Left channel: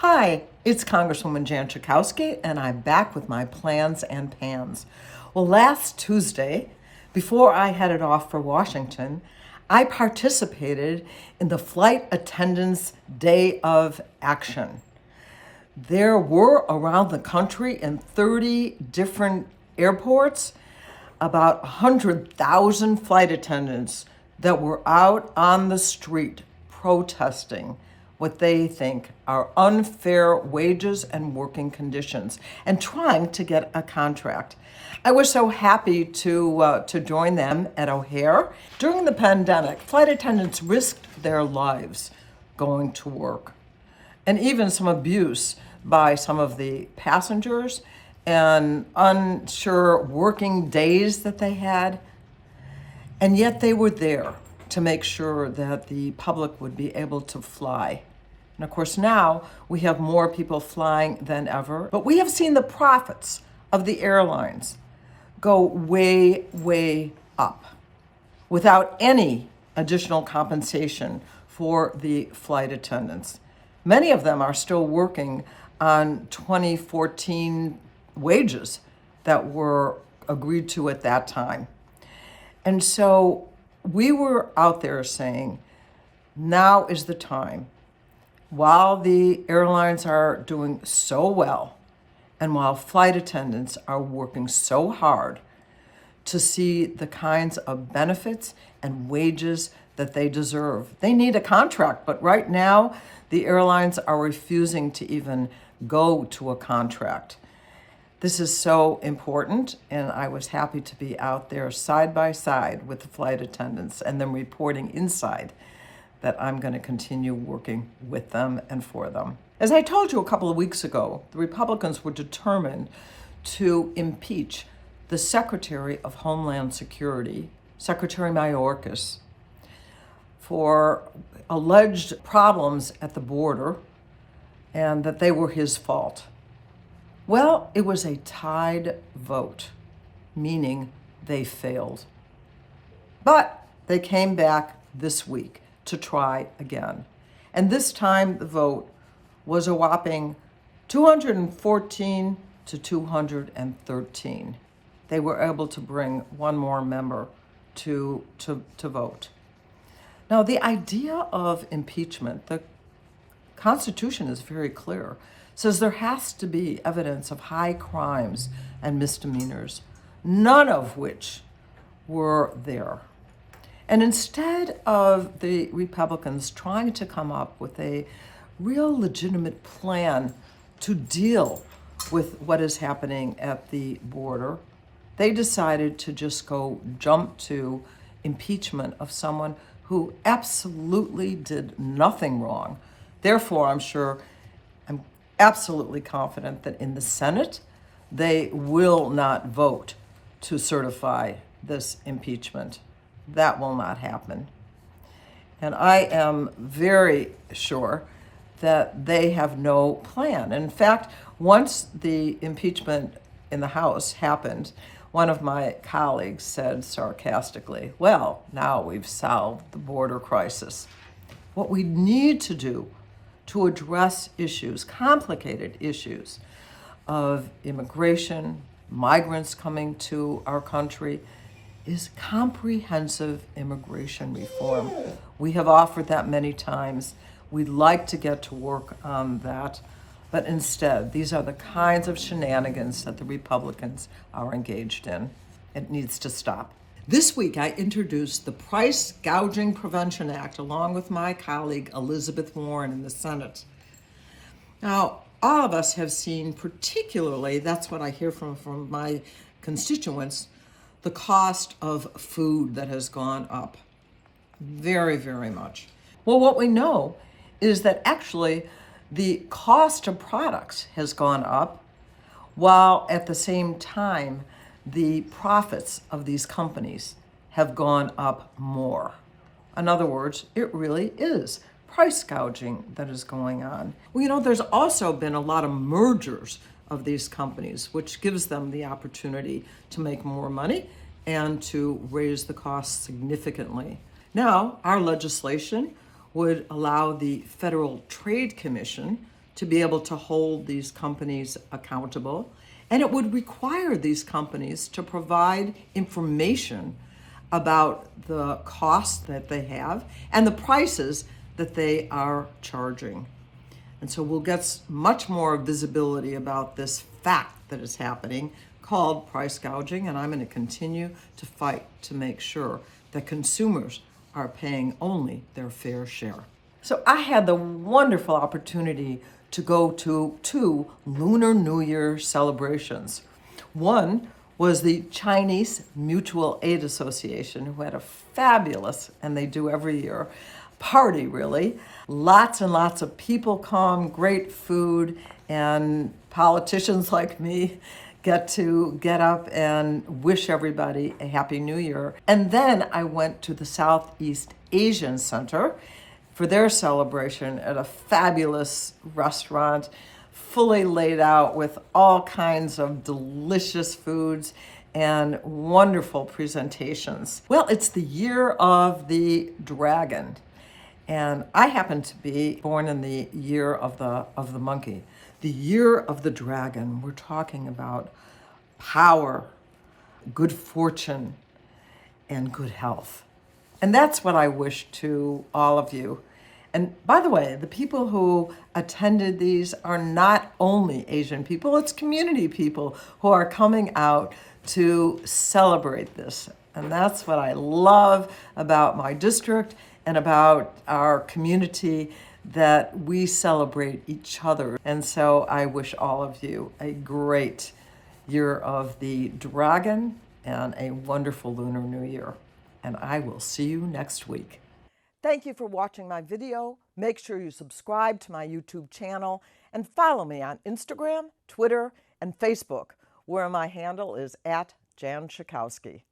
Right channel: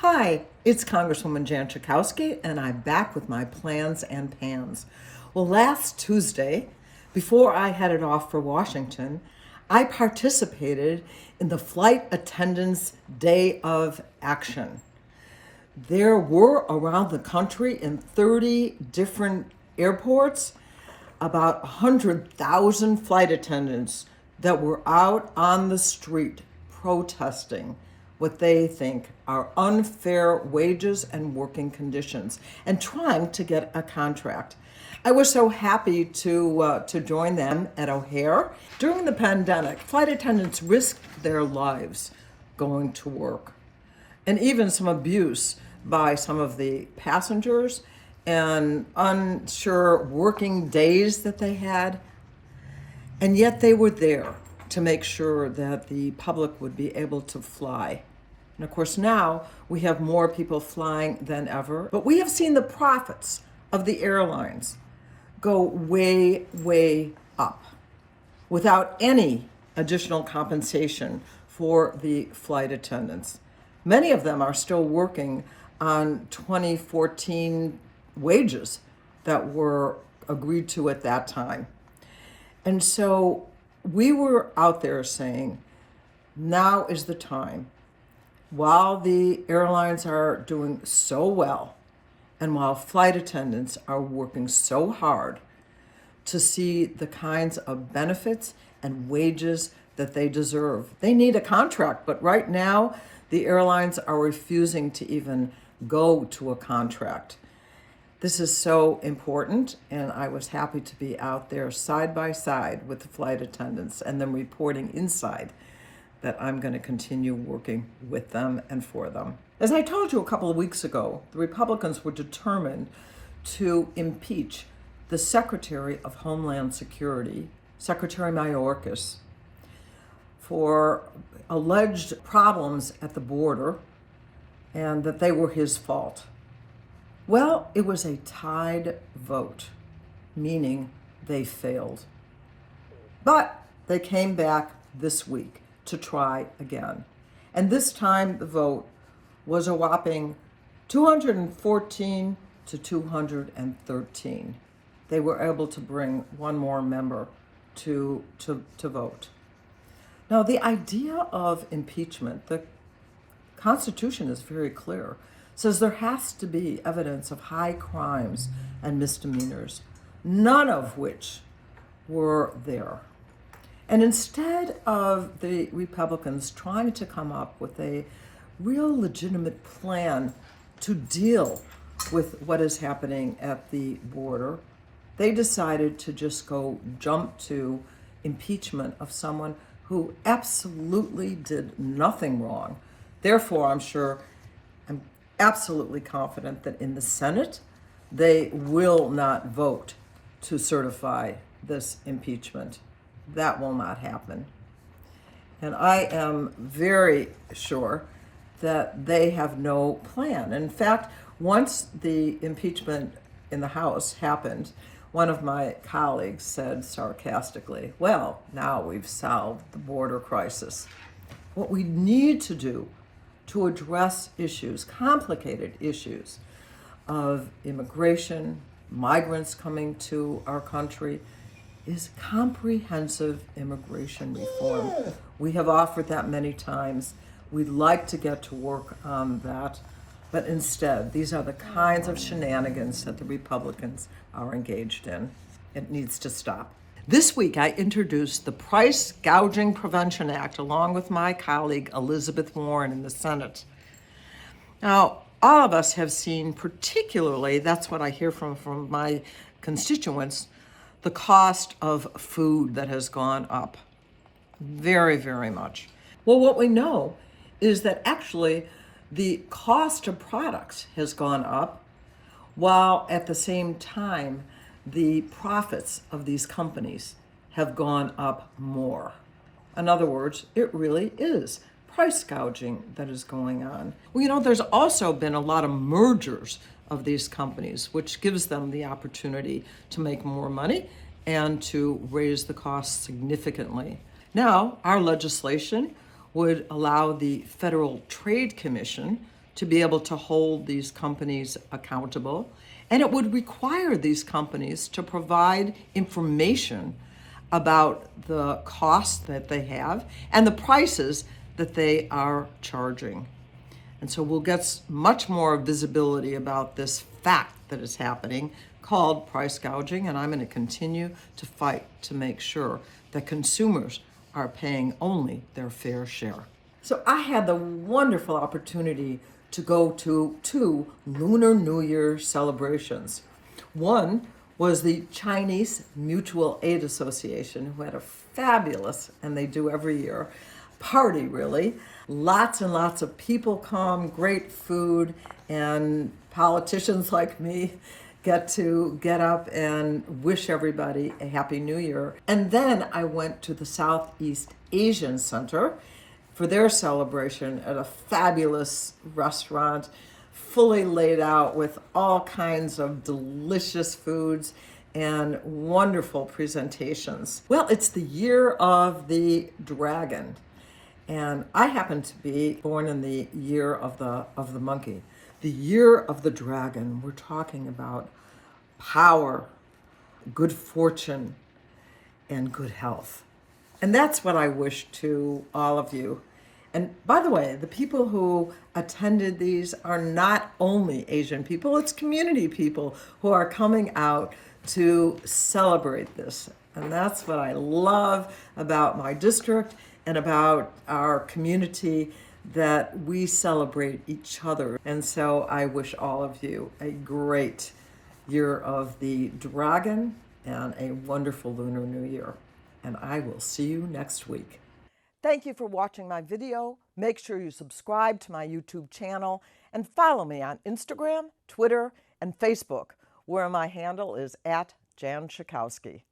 Hi, it's Congresswoman Jan Schakowsky, and I'm back with my plans and pans. Well, last Tuesday, before I headed off for Washington, I participated in the Flight Attendants' Day of Action. There were around the country in 30 different airports about 100,000 flight attendants that were out on the street protesting what they think are unfair wages and working conditions and trying to get a contract. I was so happy to join them at O'Hare. During the pandemic, flight attendants risked their lives going to work, and even some abuse by some of the passengers and unsure working days that they had. And yet they were there to make sure that the public would be able to fly. And of course, now we have more people flying than ever, but we have seen the profits of the airlines go way, way up without any additional compensation for the flight attendants. Many of them are still working on 2014 wages that were agreed to at that time. And so we were out there saying, now is the time. While the airlines are doing so well, and while flight attendants are working so hard to see the kinds of benefits and wages that they deserve, they need a contract. But right now, the airlines are refusing to even go to a contract. This is so important, and I was happy to be out there side by side with the flight attendants and them reporting inside that I'm going to continue working with them and for them. As I told you a couple of weeks ago, the Republicans were determined to impeach the Secretary of Homeland Security, Secretary Mayorkas, for alleged problems at the border and that they were his fault. Well, it was a tied vote, meaning they failed. But they came back this week to try again. And this time the vote was a whopping 214 to 213. They were able to bring one more member to vote. Now, the idea of impeachment, the Constitution is very clear, says there has to be evidence of high crimes and misdemeanors, none of which were there. And instead of the Republicans trying to come up with a real legitimate plan to deal with what is happening at the border, they decided to just jump to impeachment of someone who absolutely did nothing wrong. Therefore, I'm absolutely confident that in the Senate, they will not vote to certify this impeachment. That will not happen. And I am very sure that they have no plan. In fact, once the impeachment in the House happened, one of my colleagues said sarcastically, well, now we've solved the border crisis. What we need to do to address issues, complicated issues of immigration, migrants coming to our country, is comprehensive immigration reform. We have offered that many times. We'd like to get to work on that, but instead, these are the kinds of shenanigans that the Republicans are engaged in. It needs to stop. This week, I introduced the Price Gouging Prevention Act along with my colleague Elizabeth Warren in the Senate. Now, all of us have seen, particularly, that's what I hear from my constituents, the cost of food that has gone up very, very much. Well, what we know is that actually the cost of products has gone up, while at the same time, the profits of these companies have gone up more. In other words, it really is price gouging that is going on. Well, there's also been a lot of mergers of these companies, which gives them the opportunity to make more money and to raise the costs significantly. Now, our legislation would allow the Federal Trade Commission to be able to hold these companies accountable. And it would require these companies to provide information about the costs that they have and the prices that they are charging. And so we'll get much more visibility about this fact that is happening called price gouging, and I'm going to continue to fight to make sure that consumers are paying only their fair share. So I had the wonderful opportunity to go to 2 Lunar New Year celebrations. One was the Chinese Mutual Aid Association, who had a fabulous, and they do every year, party really. Lots and lots of people come, great food, and politicians like me get to get up and wish everybody a Happy New Year. And then I went to the Southeast Asian Center for their celebration at a fabulous restaurant, fully laid out with all kinds of delicious foods and wonderful presentations. Well, it's the year of the dragon. And I happen to be born in the year of the monkey. The year of the dragon. We're talking about power, good fortune, and good health. And that's what I wish to all of you. And by the way, the people who attended these are not only Asian people, it's community people who are coming out to celebrate this. And that's what I love about my district and about our community, that we celebrate each other. And so I wish all of you a great year of the dragon and a wonderful Lunar New Year. And I will see you next week. Thank you for watching my video. Make sure you subscribe to my YouTube channel and follow me on Instagram, Twitter, and Facebook, where my handle is @Jan Schakowsky.